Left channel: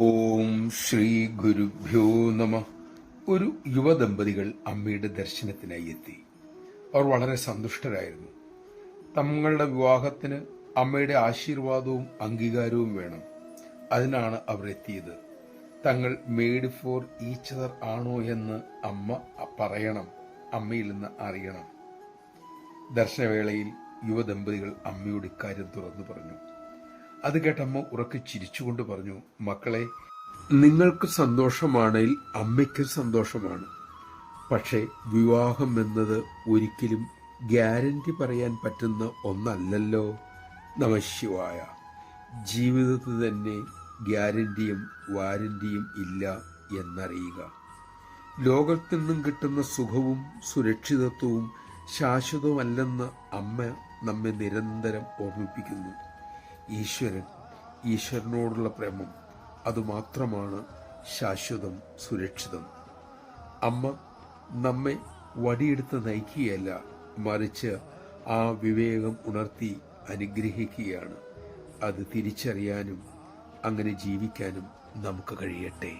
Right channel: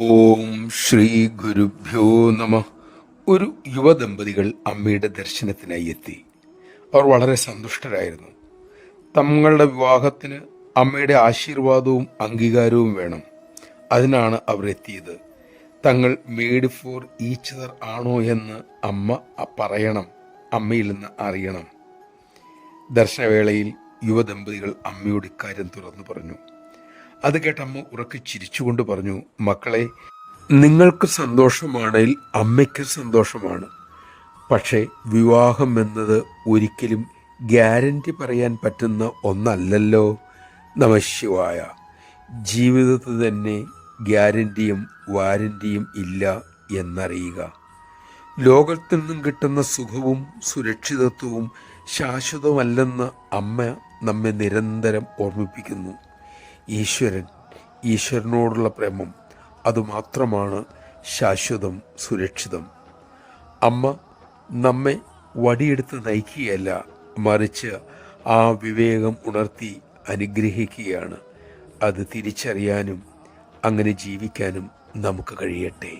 ഓം ശ്രീ ഗുരുഭ്യോ നമ. ഒരു യുവദമ്പതികൾ അമ്മയുടെ ദർശനത്തിനായി എത്തി. അവർ വളരെ സന്തുഷ്ടരായിരുന്നു. തങ്ങളുടെ വിവാഹത്തിന് അമ്മയുടെ ആശീർവാദവും അംഗീകാരവും വേണം. അതിനാണ് അവർ എത്തിയത്. തങ്ങൾ മെയ്ഡ് ഫോർ ഈച്ച് അതർ ആണോ എന്ന് അമ്മ പറയണം, അമ്മയിൽ നിന്ന് അറിയണം. ദർശനവേളയിൽ യുവദമ്പതികൾ അമ്മയോട് ഇക്കാര്യം തുറന്നു പറഞ്ഞു. അത് കേട്ടമ്മ ഉറക്കെ ചിരിച്ചുകൊണ്ട് പറഞ്ഞു, മക്കളെ, നിങ്ങൾക്ക് സന്തോഷമാണെങ്കിൽ അമ്മയ്ക്കും സന്തോഷമാണ്. പക്ഷേ വിവാഹം എന്നത് ഒരിക്കലും ഗ്യാരണ്ടി പറയാൻ പറ്റുന്ന ഒന്നല്ലല്ലോ. നമഃശിവായ. ജീവിതത്തിൽ തന്നെ ഗ്യാരണ്ടിയും വാരണ്ടിയും ഇല്ല എന്നറിയുക. ലോകത്തിൽ നിന്നും കിട്ടുന്ന സുഖവും സുരക്ഷിതത്വവും ശാശ്വതമല്ലെന്ന് അമ്മ നമ്മെ നിരന്തരം ഓർമ്മിപ്പിക്കുന്നു. ഈശ്വരനോടുള്ള പ്രേമം അതുമാത്രമാണ് ശാശ്വതം, സുരക്ഷിതം. അമ്മ നമ്മെ വടിയെടുത്ത് നയിക്കുകയല്ല, മറിച്ച് ആ വിവേകം ഉണർത്തി അനുഗ്രഹിക്കുകയാണ്. അത് തിരിച്ചറിയാനും അങ്ങനെ ജീവിക്കാനും നമുക്ക് കഴിയട്ടെ.